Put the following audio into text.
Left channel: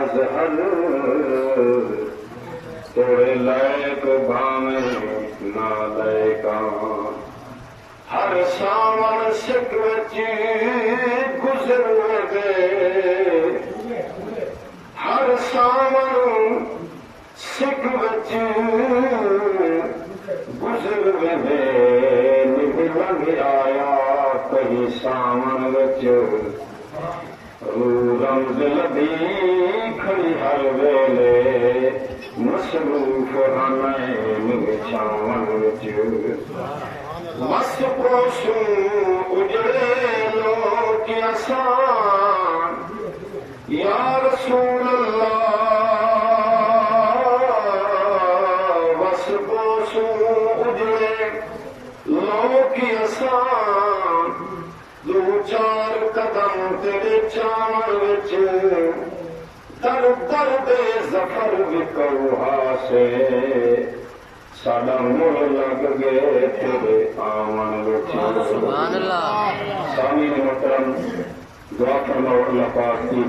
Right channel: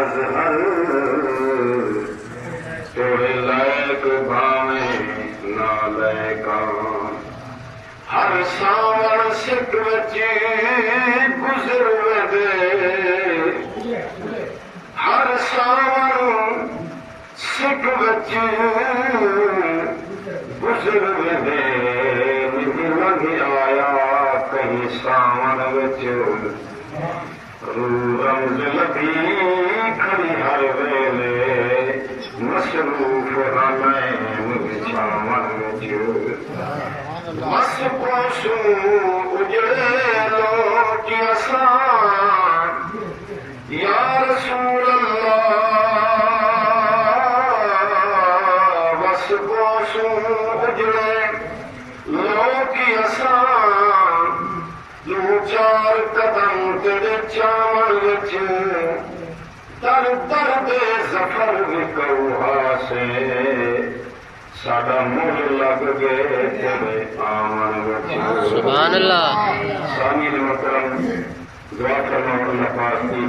مظہر توڑے لائق بھاویں نہ لائقاں ہر ساون سکھ وچی گزر دے ہر ساون سکھ وچی گزر دے نہیں لنگ آیا کہیں ساون وچ رمز لبی کھڑی ہر ویلے مصروف ہمیں بچھاون وچ مس پوشوں اجڑے لوٹی اساں یا رسول اللہ مس پوشوں اجڑے لوٹی اساں دو چار قدم تیرے چاون وچ در در دے ظفر وکوہا سے ساڈا مڑ لگ گئے تیرے آمن وچ سبحان اللہ سامعین محترم دعا کرنا اللہ پاک کی